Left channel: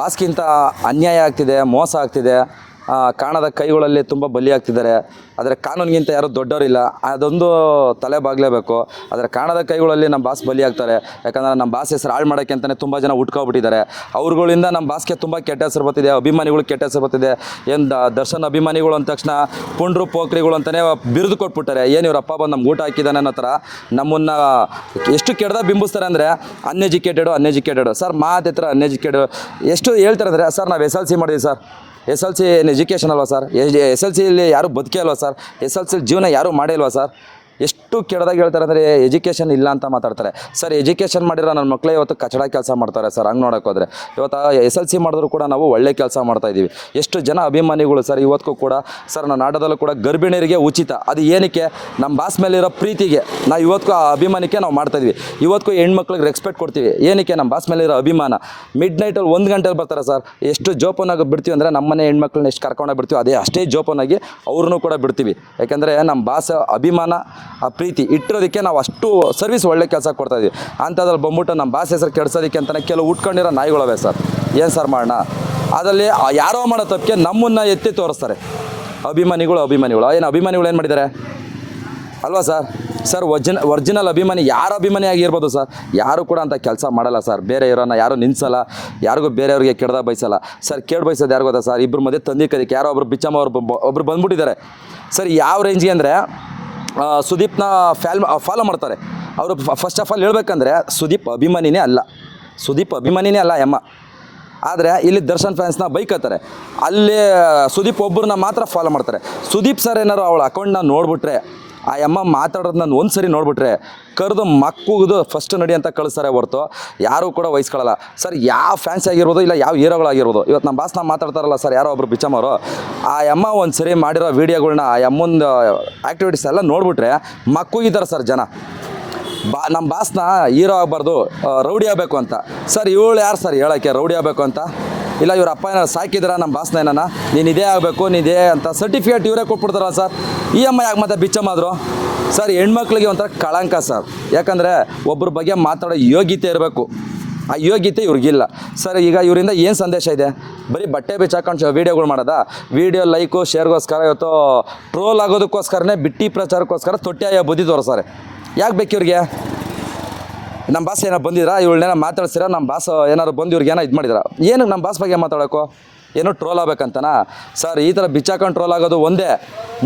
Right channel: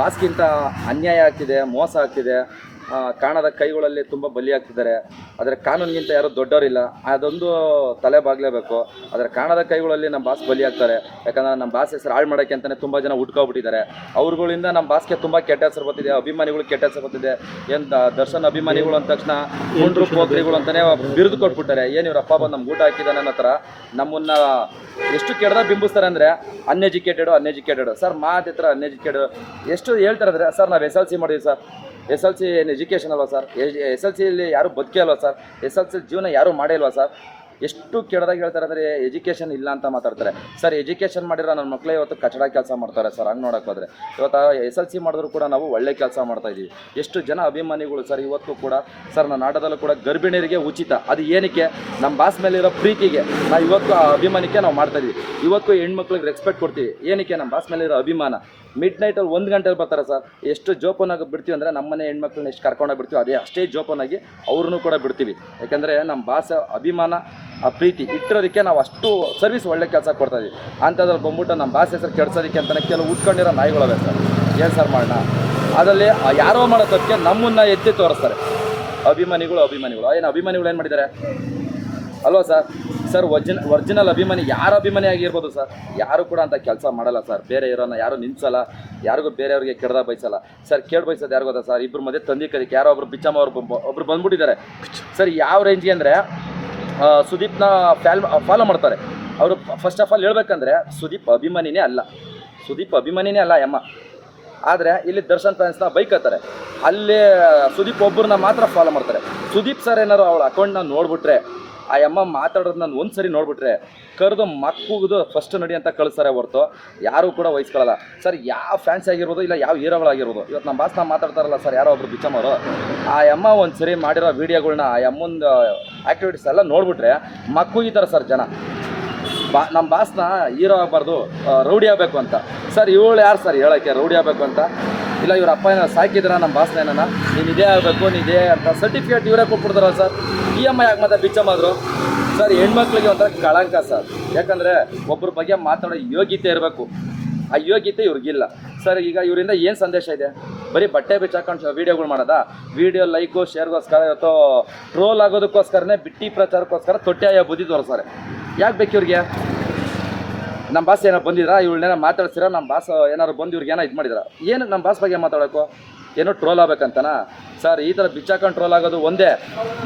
ಬಾಸ್ಗಿಂತ ಅನ್ಯಾಯ ಆಗ್ತಿದೆ ಮೋಸ ಆಗ್ತಿದೆ. ಕಾಣದ ಕೈಗಳಲ್ಲಿ ತುಂಬ ಬಲಿ ಆಗ್ತಿದ್ದಾರೆ ಆದರೆ ಕಾನೂನಿಗಿಂತ ಯಾರೂ ದೊಡ್ಡವರಿಲ್ಲ. ಅದೊಂದು ತಲೆ ಬಾಗ್ಲೇಬೇಕು. ಆದರೆ ಕಾಣದ ಕೈಗಳಲ್ಲಿ ನಮ್ಮ ಬಾಸ್ ಬಲಿ ಆಗ್ತಾರೆ ಯಾಕಂದ್ರೆ ನಮ್ಮ ಬಾಸ್ ಹೆಸರು ಹಾಳು ಮಾಡೋಕ್ಕೆ ಅಂತಲೇ ತುಂಬ ಜನ ಉಟ್ಕೊಬಿಟ್ಟಿದ್ದಾರೆ ಅವ್ರುಗಳಿಂದ ನಮ್ಮ ಬಾಸ್ಗೆ ತುಂಬ ಕೆಟ್ಟ ಹೆಸರು ಬರ್ತಿದೆ, ಅಭಿಮಾನಿಗಳು ಕೆಟ್ಟ ಹೆಸರು ಬರ್ತಿದೆ. ಏನು ದರ್ಶನ್ ಅಭಿಮಾನಿಗಳು ಅಂದ ತಕ್ಷಣ ಪುಂಡ್ರು ಪೋಖ್ರಿಗಳು ಅಂತಲೇ ಬಿರುದು ಕೊಟ್ಬಿಟ್ಟಾರೆ. ಏನು ಇವ್ರ ಅಪ್ಪ ಬಂದು ನಮ್ಗೆ ಊಟ ಹಾಕಿದ್ದಾನೆ ಅನ್ನೋ ಥರ ನಮ್ಮನ್ನ ಎಷ್ಟು ಕೆಟ್ಟದಾಗ ಬಿಂಬಿಸ್ತಾರೆ ಅಂದರೆ ಅನ್ಎಜುಕೇಟೆಡು ಅನ್ಎಜುಕೇಟೆಡ್ ಸರ್ ಮಾತಿತ್ರ ಅನ್ಎಜುಕೇಟೆಡ್ ಎಷ್ಟು ಹೇಳ್ತಾರೆ ಅಂದರೆ, ಸರ್, ನಾವು ಎಸ್ ಎಲ್ ಸಿ ಮಾಡಿದ್ವಿ, sir. S L C education ಅಲ್ವಾ ಸರ್? ಎಸ್ ಎಲ್ ಸಿಲಿ ಯಾರೂ ಬದುಕೇ ಅಲ್ವಾ ಸರ್? ಎಸ್ ಎಲ್ ಸಿ ಜೀವನ ಯಾರೂ ಮಾಡೇ ಇಲ್ವಾ ಸರ್? ಎಷ್ಟು ಕೆಡ್ದಾಗ ಹೇಳ್ತಾರೆ ಅಂದರೆ ಎಜುಕೇಷನ್ ಇಲ್ಲ ಅಂತ ಮಾತಾಡ್ತಾರೆ. ಸರ್ ಎಜುಕೇಷನ್ ಮಾಡಿರೋ ನನ್ನ ಮಕ್ಕಳೇ ಇವತ್ತು ಕಚಡ ಕೆಲಸ ಮಾಡ್ತಾರೆ ಸರ್ ಹಂಗೆ ನೋಡೋಕ್ಕೋದ್ರೆ ಇವತ್ತು ಎಸ್ ಎಲ್ ಸಿ ಮಾಡಿದ್ರು ಕೂಡ ನಾವು ಒಳ್ಳೆ ಕೆಲಸ ಮಾಡ್ತಾ ಇದ್ದೀವಿ. ಎಷ್ಟು ಜನ ಅಭಿಮಾನಿಗಳು ಸರ್ ಇವತ್ತಿಗೂ ಕೂಡ ಸರ್ ನನ್ನ ಆಟದಲ್ಲೂ ಕೂಡ ಗರ್ಭಿಣಿಯರಿಗೆ ಉಚಿತ. ಅದು ಏನಕ್ಕೆ? ನಮ್ಮ ಬಾಸ್ ಮೇಲಿರೋ ಪ್ರೀತಿಗೆ. ನಾವು ಇವತ್ತು ಆ ಅಭಿಮಾನಕ್ಕೆ ನಾವು ಮಾಡ್ತಾ ಇದೀವಿ ಇವತ್ತಿಗೂ ಹೆಣ್ಮಕ್ಳಿಗೆ ರೆಸ್ಪೆಕ್ಟ್ ಕೊಡ್ತೀವಿ. ಏನಕ್ಕೆ? ನಮ್ಮ ಬಾಸ್ ಮೇಲಿರೋ ಅಭಿಮಾನ. ಮಿಡ್ ನೈಟಲ್ಲಿ ಒಂದು ಗಂಟೆಗೆ ಬರ್ತಾರೆ ಸರ್ ಎಷ್ಟು ಜೋಪನಾಗಿ ಬಿಡ್ತೀವಿ ಅಂದರೆ ನಮ್ಮನೆ ಹೆಣ್ಮಕ್ಳನ್ನ ಎಷ್ಟು ಕರ್ಕೊಂಡೋಗಿ ಬಿಡ್ತೀವಿ, ಅದೇ ಅಷ್ಟೇ ಜೋಪನಾಗಿ ಅವ್ರನ್ನೂ ಕೂಡ ಬಿಡ್ತೀವಿ. ಯಾಕೆಂದರೆ ನಮ್ಮ ಬಾಸ್ ಅಭಿಮಾನ ಆ ಪ್ರೀತಿ ಇಟ್ಟಿರೋದಕ್ಕೆ ನಾವು ಅಷ್ಟು ಸರ್ವಿಸ್ ಒಳ್ಳೆ ಕೆಲಸ ಕೊಡ್ತಾ ಇದೀವಿ ಅಂಥದ್ರಲ್ಲಿ ಬಂದ್ಬಿಟ್ಟು ನಮ್ಮ ಬಾಸ್ ಹೆಸರು ಕೆಡ್ಸೋದಕ್ಕೆ ಅಂತಲೇ ಕೆಲವು ಉಟ್ಕೊಂಡಿರೋ ನಾಯಿಗಳವೆ ಸರ್. ಏನು ಸರ್ ಮಾಡೋಣ? ಅದರಲ್ಲಿ ಯಾರೋ ಮಾಡೋ ತಪ್ಪಕ್ಕೆ ನಮ್ಮನ್ನು ಎತ್ತಿ ತೋರಿಸ್ತಾರೆ. ಅಭಿಮಾನಿಗಳು ಅಭಿಮಾನಿಗಳು. ಏನು ಅಭಿಮಾನಿಗಳು ಏನು ಮಾಡಿದ್ದಾರೆ? ಅಲ್ವಾ ಸರ್? ಸರ್, ಒರ್ಜಿನ, ಒರ್ಜಿನಲ್ ಅಭಿಮಾನಿ ಯಾರು ಅಭಿಮಾನಿ ಆಗಿರ್ಬೋದು ಸರ್? ಯಾರು ಕೂಡ ಅಂತ ಕೆಲಸ ಮಾಡಲ್ಲ ಸರ್. ಬೇರೆ ಇರೋನ ಯಾರು ನಿನ್ಸಲ್ಲ ಯಾರಿಗೂ ಬೇರೆಯವ್ರಿಗೆ ಕೆಡ್ದ ಬಯಸಲ್ಲ. ಸರ್ ಕೇಳಿ ಬಯಸೋದು ಯಾರು ಗೊತ್ತಾ ಸರ್? ಇಬ್ಬರು ಮಧ್ಯೆ ತಂದಿ ಕಲಿಕೆ ಯಾರೋ ಒಬ್ರು ಬಿಚ್ಚಮ್ಮ ಅವ್ರು ಒಬ್ರು ಬಂದ್ಬಿಟ್ಟಿದ್ದಾರೆ. ಸರ್ ಯಾವ ರೇಂಜ್ಗೆ ಅಂದರೆ ಸುದೀಪ್ನ ಫ್ಯಾಲ್ ಫಾಲೋ ಮಾಡ್ತಾರೆ. ಅವರು ಫಸ್ಟ್ ಆಫ್ ಆಲ್ ಹೇಳ್ಬೇಕಂದ್ರೆ ಸುದೀಪ್ ಅಭಿಮಾನಿನೇ ಅಲ್ಲ. ಸುದೀಪ್ ಅಭಿಮಾನಿನೇ ಅಲ್ಲ ಎಮ್ಮ ಆದರೆ ಇಲ್ಲಿ ದರ್ಶನ್ ಫ್ಯಾನ್ಸ್ನ ಬೈಕತ್ತಾರೆ ಅಲ್ಲೇ ಸುದೀಪ್ ಒಬ್ಬರನ್ನ ಮಾತ್ರ ಫಾಲೋ ಮಾಡ್ತಾರೆ. ಸುದೀಪ್ ಸರ್ ಏನಾರು ಅವಳ ಅಕೌಂಟ್ನ ನೋಡ್ಬಿಟ್ರೆ ಆ ಅಮ್ಮ ನಾನು ಒಂದು ಸರಿ ನೋಡ್ಬಿಟ್ರೆ ಕರೆದು ಮಕ್ಕುದು ಫಸ್ಟ್ ನಡಿ ಅಂತ ಕಳಿಸ್ತಾರೆ ಹೊರತು. ಯಾರೂ ಕೂಡ ವಹಿಸ್ಕೊಳ್ಳಲ್ಲ ಸರ್, ಯಾವ ಫ್ಯಾನ್ಸ್ ಆಗಿರ್ಬೋದು ಇಲ್ಲ ಯಾವ ಹೀರೋಗಳಾಗಿರ್ಬೋದು ಇವತ್ತು ನಮ್ಮ ಬಾಸ್ನ ಮಾತಾಡ್ತಾರಲ್ಲ ಸರ್, ಯಾರೋ ಒಬ್ರು ಬಿಚ್ಚಮ್ಮರು ಆ ಅಮ್ಮ ಒಂದು ಸರಿ ಮಾಡಿರೋ ವೀಡಿಯೋಗಳ್ನ ಆ ಅಮ್ಮಂದು ಆ್ಯಕ್ಟಿವಿಟೀಸ್ ಎಲ್ಲ ನೋಡ್ಬಿಟ್ರೆ ಮಕ್ಕುಗಿದ್ದಾರೆ ಸರ್ ಜನ. ಬಾ ನಮ್ಮ ಬಾಸ್ನ ಹೀರೋ ಆಗಬಾರ್ದು ರೌಡಿ ಆಗಬೇಕು ಅಂತ. ಸರ್, ಇವಳು ಯಾರು ಸರ್ ಹೇಳೋಕ್ಕೆ ರೌಡಿ ಆಗಬೇಕು ಅಂತ? ಇಲ್ಲ, ಇವ್ರ ಅಪ್ಪ ಏನಾರು ಸಾಕಿದ್ರೆ ನಮ್ಮ ಬಾಸ್ನ ಏನಾನ? ನೀನು ಇದೇ ಆಗಬೇಕು, ನೀನು ಇದೇ ಅಂತ ಸರ್ಟಿಫಿಕೇಟ್ ಇವರೇ ಕೊಟ್ಬಿಡ್ತಾರಲ್ಲ ಸರ್ ಇ ಎಂ ಐ ಆಗಿ ಮತ್ತೆ ಬಿಚ್ಚಮ್ಮಾದ್ರು ಸರ್ ಹೆಣ್ಮಕ್ಳಿಗೆ ಒಂಥರ ಕಳಂಕ ಸರ್ ಯಾಕಂದರೆ ಒಬ್ಬರ ಬಗ್ಗೆ ಮಾತಾಡೋ ಯೋಗ್ಯತೆ ಇರಬೇಕು. ಆ ಯೋಗ್ಯತೆ ಇವ್ರಿಗಿಲ್ಲ. ಸರ್ ಈಗ ಇವರಿಂದ ಏನು ಸಂದೇಶ ಇದೆ? ಬರೀ ಬಟ್ಟೆ ಬಿಚ್ಚಾಕೊಂಡು ವೀಡಿಯೋಗಳು ಮಾಡೋದಾ? ವೀಡಿಯೋ ಲೈಕು ಶೇರ್ಗೋಸ್ಕರ ಇವತ್ತು ಟ್ರೋಲ್ ಆಗೋದಕ್ಕೋಸ್ಕರನೇ ಬಿಟ್ಟಿ ಪ್ರಚಾರಕ್ಕೋಸ್ಕರ ತೊಟ್ಟೆಯ ಬುದ್ಧಿ ತೋರಿಸ್ತಾರೆ. ಯಾಕೆ ಬೇಕು ಇವ್ರಿಗೆ ನಮ್ಮ ಬಾಸ್ ಏನೋ ಬಂದಿದ್ರಾ ಇವಳನ್ನೇನೋ ಮಾತಾಡ್ಸಿರ? ನಮ್ಮ ಬಾಸ್ ಏನಾರು ಬಂದು ಇವ್ರಿಗೆ ಏನೋ ಇದು ಮಾಡಿದ್ರ? ಏನು ನಮ್ಮ ಬಾಸ್ ಬಗ್ಗೆ ಮಾತಾಡೋಕು? ಏನೋ ಟ್ರೋಲ್ ಆಗ್ಬೇಕಂತನಾ? ಸರ್ ಈ ಥರ ಬಿಚ್ಚಾಕೊಂಡು ಟ್ರೋಲ್ ಆಗೋದು ಒಂದೇ.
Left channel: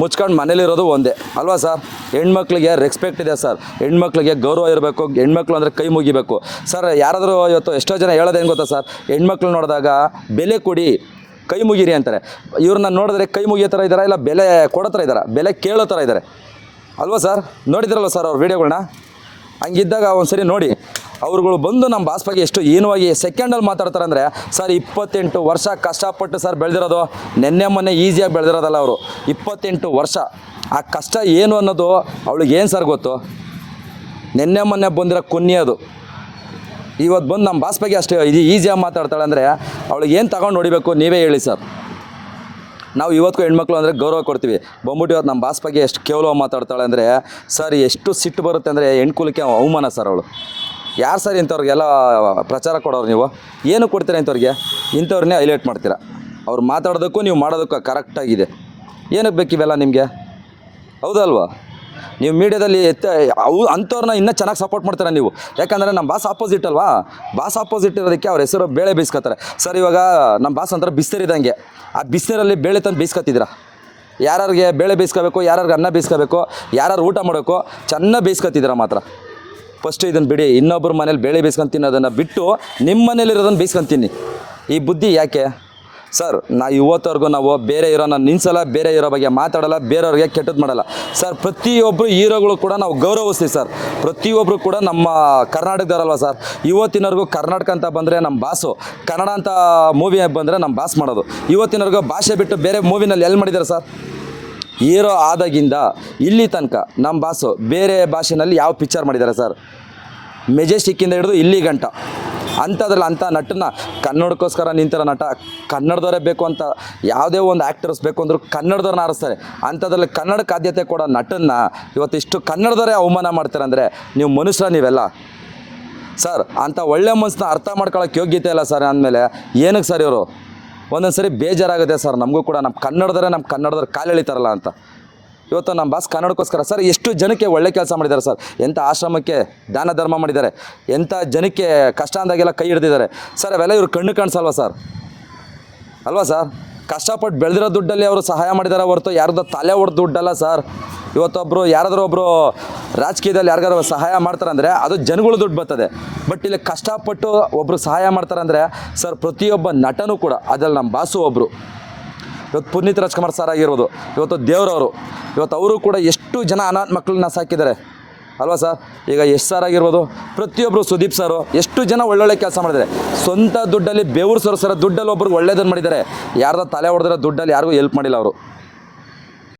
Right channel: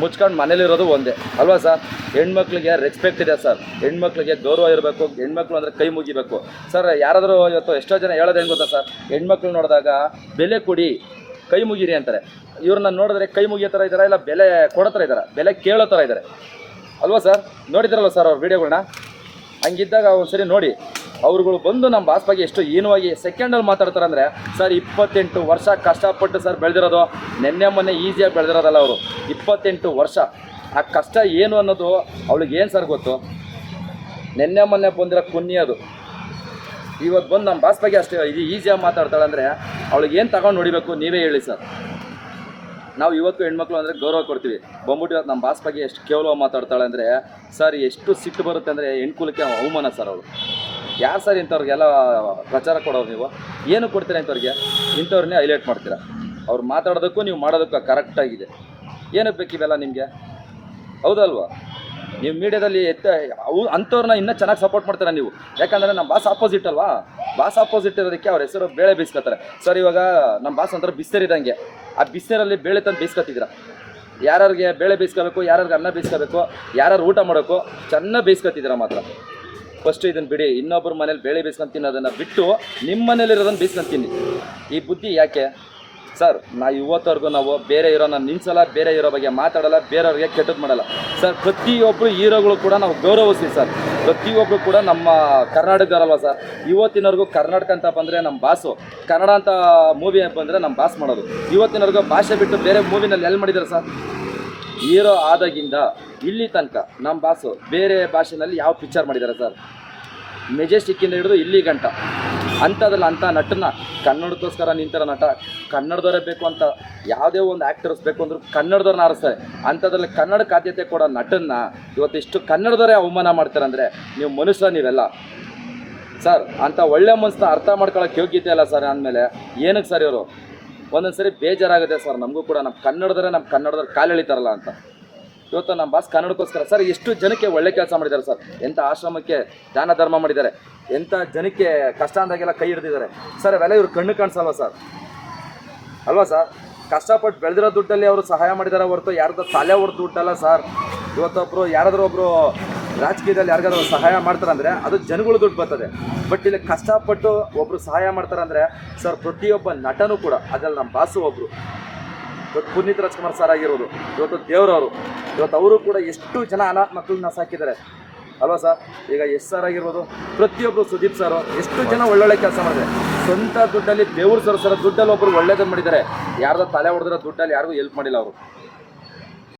ಮುಚ್ಕೊಂಡು ಮನೇಲಿರೋದು ಒಂದೇ. ಅಲ್ವಾ ಸರ್ ಹೆಣ್ಮಕ್ಳಿಗೆ ರೆಸ್ಪೆಕ್ಟ್ ಇದೆ ಸರ್ ಹೆಣ್ಮಕ್ಳಿಗೆ ಗೌರವ ಇರಬೇಕು. ಹೆಣ್ಮಕ್ಳು ಅಂದರೆ ಕೈ ಮುಗಿಬೇಕು. ಸರ್ ಯಾರಾದರೂ ಇವತ್ತು ಎಷ್ಟೋ ಜನ ಹೇಳೋದು ಹೆಂಗೆ ಗೊತ್ತಾ ಸರ್ ಹೆಣ್ಮಕ್ಳು ನೋಡಿದಾಗ ಬೆಲೆ ಕೊಡಿ, ಕೈ ಮುಗಿರಿ ಅಂತಾರೆ. ಇವ್ರನ್ನ ನೋಡಿದ್ರೆ ಕೈ ಮುಗಿಯೋ ಥರ ಇದ್ದಾರಾ ಇಲ್ಲ ಬೆಲೆ ಕೊಡೋ ಥರ ಇದ್ದಾರಾ ಬೆಲೆ ಕೇಳೋ ಥರ ಇದ್ದಾರೆ ಅಲ್ವಾ ಸರ್ ನೋಡಿದ್ರಲ್ವ ಸರ್ ಅವ್ರ ವೀಡಿಯೋಗಳನ್ನ ಹಂಗಿದ್ದಾಗ ಒಂದ್ಸರಿ ನೋಡಿ, ಅವ್ರುಗಳು ಬಂದು ನಮ್ಮ ಬಾಸ್ಪಾಗಿ ಎಷ್ಟು ಏನುವಾಗಿ ಸೆಕೆಂಡಲ್ಲಿ ಮಾತಾಡ್ತಾರೆ ಅಂದರೆ ಸರ್, ಇಪ್ಪತ್ತೆಂಟು ವರ್ಷ ಕಷ್ಟಪಟ್ಟು ಸರ್ ಬೆಳೆದಿರೋದು, ನೆನ್ನೆ ಮೊನ್ನೆ ಈಸಿಯಾಗಿ ಬೆಳೆದಿರೋದಲ್ಲ ಅವರು. ಇಪ್ಪತ್ತೆಂಟು ವರ್ಷ, ಆ ಕಷ್ಟ ಏನು ಅನ್ನೋದು ಅವಳಿಗೆ ಏನು ಸರ್ ಗೊತ್ತು? ನೆನ್ನೆ ಮೊನ್ನೆ ಬಂದಿರೋ ಕೊನ್ನಿ ಅದು. ಇವತ್ತು ಬಂದು ನಮ್ಮ ಬಾಸ್ ಅಷ್ಟೇ, ಇದು ಈಸಿಯಾಗಿ ಮಾತಾಡ್ತಾಳೆ ಅಂದರೆ ಅವಳಿಗೆ ಏನು ತಗೊಂಡು ನೋಡಿಬೇಕು ನೀವೇ ಹೇಳಿ ಸರ್. ನಾವು ಇವತ್ತು ಹೆಣ್ಮಕ್ಳು ಅಂದರೆ ಗೌರವ ಕೊಡ್ತೀವಿ. ಬಂದ್ಬಿಟ್ಟು ಇವತ್ತು ನಮ್ಮ ಬಾಸ್ ಬಗ್ಗೆ ಎಷ್ಟು ಕೇವಲ ಮಾತಾಡ್ತಾಳೆ ಅಂದರೆ, ಸರ್, ಎಷ್ಟು ಸಿಟ್ಟು ಬರುತ್ತೆ ಅಂದರೆ ಹೆಣ್ಕುಲಕ್ಕೆ ಅವಮಾನ ಸರ್ ಅವಳು. ಯಾರು ಸರ್ ಇಂಥವ್ರಿಗೆಲ್ಲ ಪ್ರಚಾರ ಕೊಡೋರು ನೀವು? ಏನು ಕೊಡ್ತೀರಾ ಇಂಥವ್ರಿಗೆ? ಇಂಥವ್ರನ್ನೇ ಹೈಲೈಟ್ ಮಾಡ್ತೀರಾ? ಅವ್ರು ಮಾತಾಡೋದಕ್ಕೂ ನೀವು ಮಾಡೋದಕ್ಕೂ ಕರೆಕ್ಟಾಗಿದೆ ಏನಕ್ಕೆ ಬೇಕಿವೆಲ್ಲ ನಿಮಗೆ? ಹೌದಲ್ವಾ? ನೀವು ಮೀಡಿಯಾದಲ್ಲಿ ಎತ್ತ ಅವು ಅಂಥವ್ರನ್ನ ಇನ್ನೂ ಚೆನ್ನಾಗಿ ಸಪೋರ್ಟ್ ಮಾಡ್ತಾರೆ ನೀವು? ಯಾಕಂದರೆ ನಮ್ಮ ಬಾಸ್ ಆಪೋಸಿಟ್ ಅಲ್ವಾ? ಬಾಸ್ ಆಪೋಸಿಟ್ ಇರೋದಕ್ಕೆ ಅವ್ರ ಹೆಸರು ಬೇಳೆ ಬೇಯಿಸ್ಕೊತಾರೆ ಸರ್, ಇವಾಗ ನಮ್ಮ ಬಾಸ್ ಅಂತಾರೆ ಬಿಸಿನೀರಿದ್ದಂಗೆ ಆ ಬಿಸಿನೀರಲ್ಲಿ ಬೇಳೆ ತಂದು ಬೇಯಿಸ್ಕೊತಿದ್ರ ಯಾರ್ಯಾರಿಗೆ ಬೇಳೆ ಬೇಯಿಸ್ಕೋಬೇಕು ಯಾರ್ಯಾರಿಗೆ ಅನ್ನ ಬೇಯಿಸ್ಕೋಬೇಕು ಯಾರ್ಯಾರು ಊಟ ಮಾಡಬೇಕು, ಚೆನ್ನಾಗಿ ಬೇಯಿಸ್ಕೊತಿದ್ದೀರಾ ಮಾತ್ರ. ಫಸ್ಟು ಇದನ್ನು ಬಿಡಿ ಇನ್ನೊಬ್ಬರ ಮನೇಲಿ ಬೇಳೆ ಬೇಯಿಸ್ಕೊಂಡು ತಿನ್ನೋದನ್ನು ಬಿಟ್ಟು ನಿಮ್ಮ ಮನೇಲಿರೋದನ್ನು ಬೇಯಿಸ್ಕೊಂಡು ಈ ಬುದ್ಧಿ ಯಾಕೆ? ಸರ್, ನಾ ಇವತ್ತವರೆಗೂ ನಾವು ಬೇರೆ ಇರೋ ನಾವು ನಿನ್ಸಲ್ಲ ಬೇರೆ ಇರೋ ಬಗ್ಗೆ ಮಾತಾಡಲ್ಲ, ಬೇರೆಯವ್ರಿಗೆ ಕೆಟ್ಟದ್ದು ಮಾಡಲ್ಲ. ಸರ್ ಪ್ರತಿಯೊಬ್ಬರು ಹೀರೋಗಳು ಕೂಡ ನಾವು ಗೌರವಿಸ್ತೀವಿ ಸರ್. ಪ್ರತಿಯೊಬ್ಬರು ಕೂಡ ನಮ್ಮ ಕರ್ನಾಟಕದವರಲ್ವ ಸರ್? ಇವತ್ತಿನವರೆಗೂ ಕರ್ನಾಟಕ ಅಂತ ಬಂದರೆ ನಮ್ಮ ಬಾಸು, ಕನ್ನಡ ಅಂತ ಮೂವಿ ಬಂದರೆ ನಮ್ಮ ಬಾಸ್ ಮಾಡೋದು. ಇವತ್ತಿನವರೆಗೂ ಭಾಷೆ ಬಿಟ್ಟು ಬೇರೆ ಮೂವಿನಲ್ಲಿ ಎಲ್ಲಿ ಮಾಡಿದ್ದಾರೆ ಸರ್? ಹೀರೋ ಆದಾಗಿಂದ ಇಲ್ಲಿ ತನಕ ನಮ್ಮ ಬಾಸು ಬೇರೆ ಭಾಷೆನಲ್ಲಿ ಯಾವ ಪಿಕ್ಚರ್ ಮಾಡಿದ್ದಾರೆ ಸರ್? ಮೆಜೆಸ್ಟಿಕ್ಕಿಂದ ಹಿಡಿದು ಇಲ್ಲಿ ಗಂಟ. ಅಂಥದ್ರಲ್ಲಿ ಅಂಥ ನಟನ ಕನ್ನಡಕ್ಕೋಸ್ಕರ ನಿಂತಿರೋ ನಟ ಕನ್ನಡದವರೇ ಬೇಕು ಅಂತ ಯಾವುದೇ ಒಂದು ಆ್ಯಕ್ಟರ್ಸ್ ಬೇಕು ಅಂದರೂ ಕನ್ನಡದವ್ರನ್ನ ಆರಿಸ್ತಾರೆ. ಅಂಥದ್ರಲ್ಲಿ ಕನ್ನಡಕ್ಕೆ ಆದ್ಯತೆ ಕೊಡೋ ನಟನ್ನ ಇವತ್ತಿಷ್ಟು ಕನ್ನಡದವರೇ ಅವಮಾನ ಮಾಡ್ತಾರೆ ಅಂದರೆ ನೀವು ಮನುಷ್ಯ ನೀವೆಲ್ಲ. ಸರ್, ಅಂಥ ಒಳ್ಳೆ ಮನಸ್ಸನ್ನ ಅರ್ಥ ಮಾಡ್ಕೊಳ್ಳೋಕೆ ಯೋಗ್ಯತೆ ಇಲ್ಲ ಸರ್ ಅಂದಮೇಲೆ ಏನಕ್ಕೆ ಸರ್ ಇವರು? ಒಂದೊಂದು ಸರಿ ಬೇಜಾರಾಗುತ್ತೆ ಸರ್ ನಮಗೂ ಕೂಡ. ನಮ್ಮ ಕನ್ನಡದರೆ ನಮ್ಮ ಕನ್ನಡದವ್ರು ಕಾಲು ಎಳಿತಾರಲ್ಲ ಅಂತ. ಇವತ್ತು ನಮ್ಮ ಬಾಸ್ ಕನ್ನಡಕ್ಕೋಸ್ಕರ ಸರ್ ಎಷ್ಟು ಜನಕ್ಕೆ ಒಳ್ಳೆ ಕೆಲಸ ಮಾಡಿದ್ದಾರೆ ಸರ್? ಎಂಥ ಆಶ್ರಮಕ್ಕೆ ದಾನ ಧರ್ಮ ಮಾಡಿದ್ದಾರೆ, ಎಂಥ ಜನಕ್ಕೆ ಕಷ್ಟ ಅಂದಾಗೆಲ್ಲ ಕೈ ಹಿಡಿದಿದ್ದಾರೆ. ಸರ್, ಅವೆಲ್ಲ ಇವ್ರು ಕಣ್ಣು ಕಾಣಿಸಲ್ವ ಸರ್? ಅಲ್ವಾ ಸರ್? ಕಷ್ಟಪಟ್ಟು ಬೆಳೆದಿರೋ ದುಡ್ಡಲ್ಲಿ ಅವರು ಸಹಾಯ ಮಾಡಿದ್ದಾರೆ ಹೊರತು ಯಾರ್ದೋ ತಲೆ ಹೊಡೆದು ದುಡ್ಡಲ್ಲ ಸರ್. ಇವತ್ತೊಬ್ಬರು ಯಾರಾದರೂ ಒಬ್ಬರು ರಾಜಕೀಯದಲ್ಲಿ ಯಾರಿಗಾದ್ರೂ ಸಹಾಯ ಮಾಡ್ತಾರಂದರೆ ಅದು ಜನಗಳು ದುಡ್ಡು ಬರ್ತದೆ. ಬಟ್ ಇಲ್ಲಿ ಕಷ್ಟಪಟ್ಟು ಒಬ್ಬರು ಸಹಾಯ ಮಾಡ್ತಾರಂದರೆ ಸರ್ ಪ್ರತಿಯೊಬ್ಬ ನಟನೂ ಕೂಡ ಅದ್ರಲ್ಲಿ ನಮ್ಮ ಬಾಸು ಒಬ್ಬರು ಇವತ್ತು ಪುನೀತ್ ರಾಜ್ಕುಮಾರ್ ಸರ್ ಆಗಿರ್ಬೋದು, ಇವತ್ತು ದೇವರವರು, ಇವತ್ತು ಅವರು ಕೂಡ ಎಷ್ಟು ಜನ ಅನಾಥ ಮಕ್ಕಳನ್ನ ಸಾಕಿದ್ದಾರೆ. ಅಲ್ವಾ ಸರ್ ಈಗ ಎಸ್ ಸರ್ ಆಗಿರ್ಬೋದು ಪ್ರತಿಯೊಬ್ಬರು ಸುದೀಪ್ ಸರ್ ಎಷ್ಟು ಜನ ಒಳ್ಳೊಳ್ಳೆ ಕೆಲಸ ಮಾಡಿದ್ದಾರೆ. ಸ್ವಂತ ದುಡ್ಡಲ್ಲಿ ಬೆವರು ಸರ್ ಸರ್ ದುಡ್ಡಲ್ಲಿ ಒಬ್ಬರು ಒಳ್ಳೇದನ್ನು ಮಾಡಿದ್ದಾರೆ. ಯಾರ್ದು ತಲೆ ಹೊಡೆದ್ರೆ ದುಡ್ಡಲ್ಲಿ ಯಾರಿಗೂ ಹೆಲ್ಪ್ ಮಾಡಿಲ್ಲ ಅವರು.